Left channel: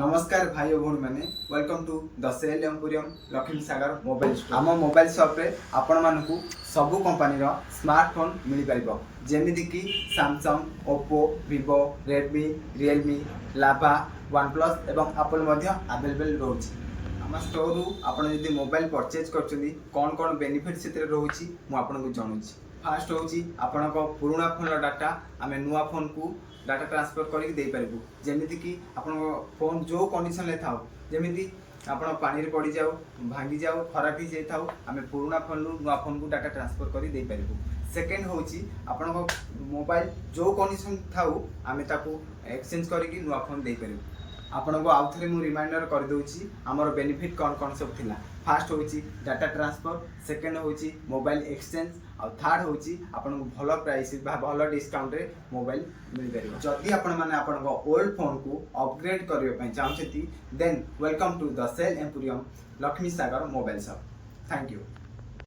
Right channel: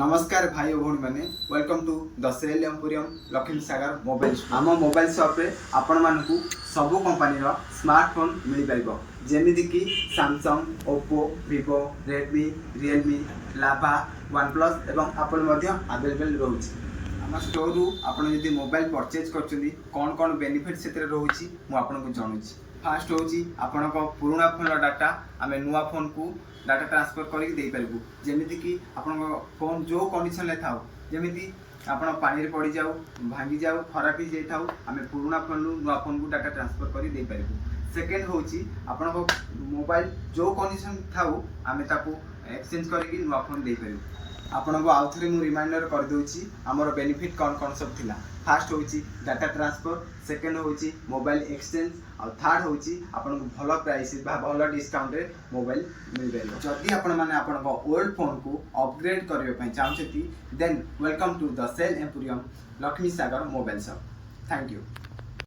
नमस्कार भाई और भौणी मैंने welcome to the cell emporium Lakshmi Sagar mobile store. आम मोबाइल शॉप रे आपण मानकू सबु कंपनी रो स्मार्टफोन मिल पाइबो जेमिति कि Samsung, Oppo, Vivo, Redmi, Realme, लाभा, OnePlus एवं एप्पल मध्य अवेलेबल रोची। आम स्टोर रु आपण यदि मोबाइल परचेज करछुंदी कोन कोन बेनिफिट सेते रोची मु आपन को जणुची। फास्ट होची आपण को पुराना फोन रो डाटा आमे नुवा फोन को डाटा ट्रांसफर करके दे पारबू जेमिति कि आपण फोन जो कंडीशन ले थाउ जेमिति आपण पानी रे पड़ी जाऊ भांगी जाऊ खराब ही जाई थाउ आमे पुराना फोन रु नुवा फोन को डाटा ट्रांसफर करी दे पारबू। सेकंड होची आपण को मोबाइल जो कंडीशन थाउ आमे ताको एक्सचेंज करके नुवा फोन दे पारबू। आपण को आउ थरे मु रिमाइंडर कर दोची हमर बेनिफिट कोन कोन सब थिला। फास्ट होची डाटा ट्रांसफर, सेकंड होची मोबाइल एक्सचेंज और थर्ड होची आपण को भलो प्राइस बा भलो डिस्काउंट रे मोबाइल मिल पारिबो। जदि आपण माने आपण को ओल्ड फोन को अपग्रेड करियो पई चाहछथि then welcome to the cell emporium Lakshmi Sagar mobile shop. Thank you.